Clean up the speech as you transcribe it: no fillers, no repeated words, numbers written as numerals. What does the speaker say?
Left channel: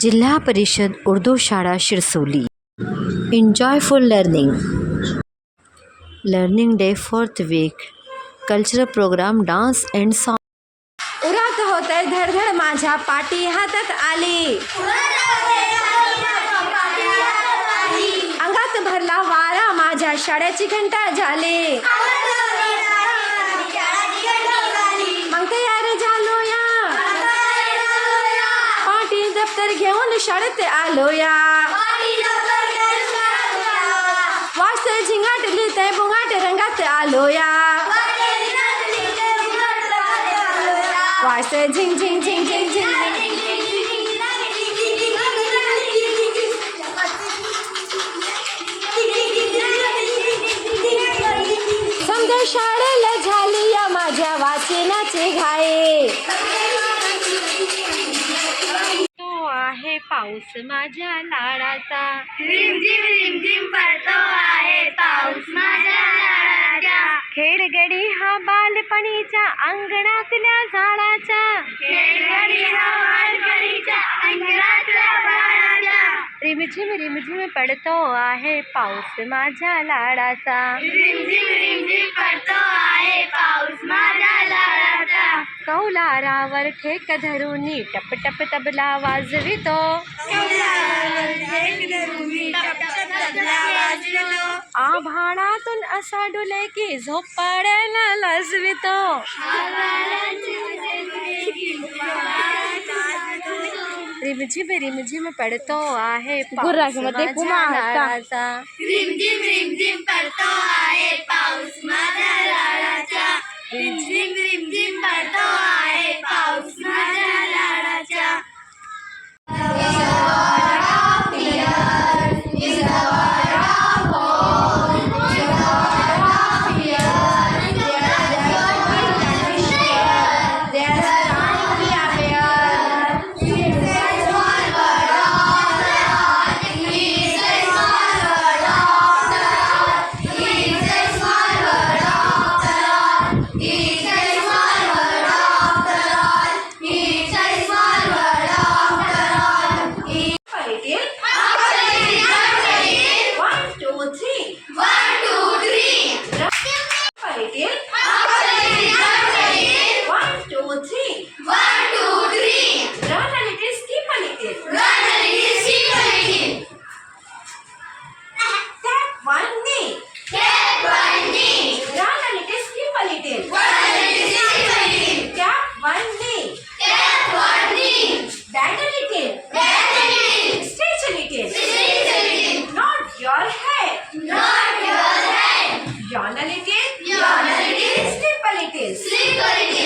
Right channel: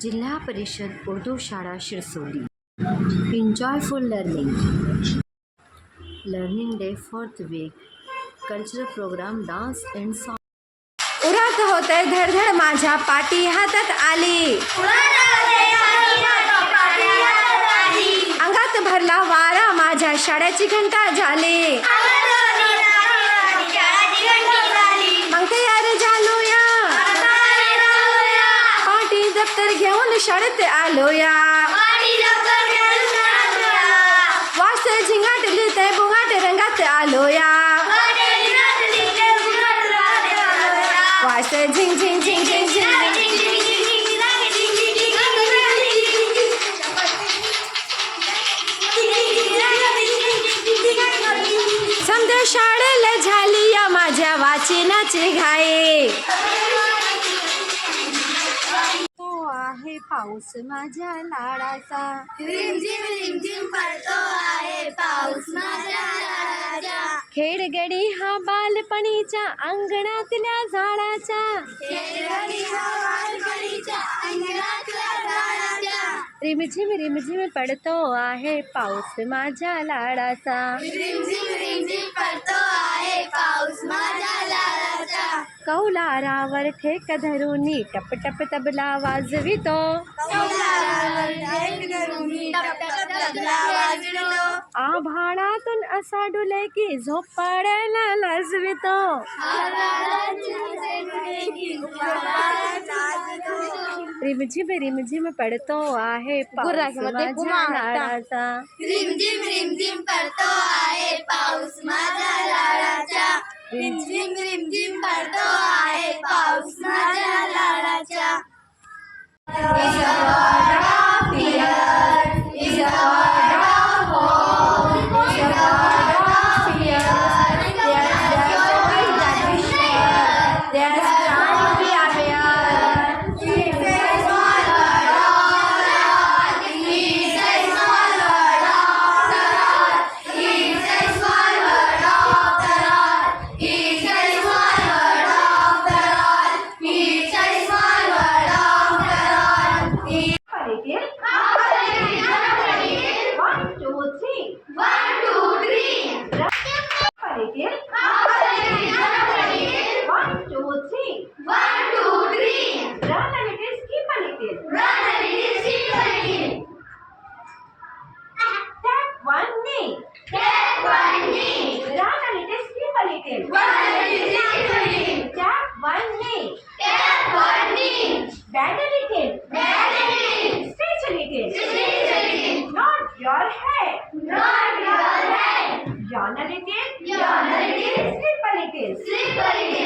जिल्हा परिषद उर्दू शाळा Shirsoli. Enjoyful learning day 4th week. Cultural program, dance and song. उरात होते धडधड माझ्या पाठी हातात आली, अंगात भरला वारा माझ्या शाळेची घंटा झाली. मग तयार झालोया, पाठी दप्तर घेऊन शाळेत आलोया. वास झिंगाटली ते बुंगाट रंगात आलोया. वास झिंग झिंग झिंग झिंग झिंग. समजा शाळेला झाली या माझ्या वाचनाची घाई. तो आहे पाऊस माझ्या लाडाचा, रिमझिम रिमझिम पडतो आहे पाऊस माझ्या लाडाचा. खेडगडी हा बालपणीच्या अंगणातल्या झाडाचा, खेळगडी हा बालपणीच्या अंगणातल्या झाडाचा. रिमझिम रिमझिम पडतो आहे पाऊस माझ्या लाडाचा. रिमझिम रिमझिम पडतो आहे पाऊस माझ्या लाडाचा. कौलारावर ठेक धरुनी टप टप तबला वाजवितो, कौलारावर ठेक धरुनी टप टप तबला वाजवितो. आभाळातून असा डुले की झोप पाडायला लाजवितो. रिमझिम रिमझिम पडतो आहे पाऊस माझ्या लाडाचा. रिमझिम रिमझिम पडतो आहे पाऊस माझ्या लाडाचा. रिमझिम रिमझिम पडतो आहे पाऊस माझ्या लाडाचा. Yawn a little, sleep a little.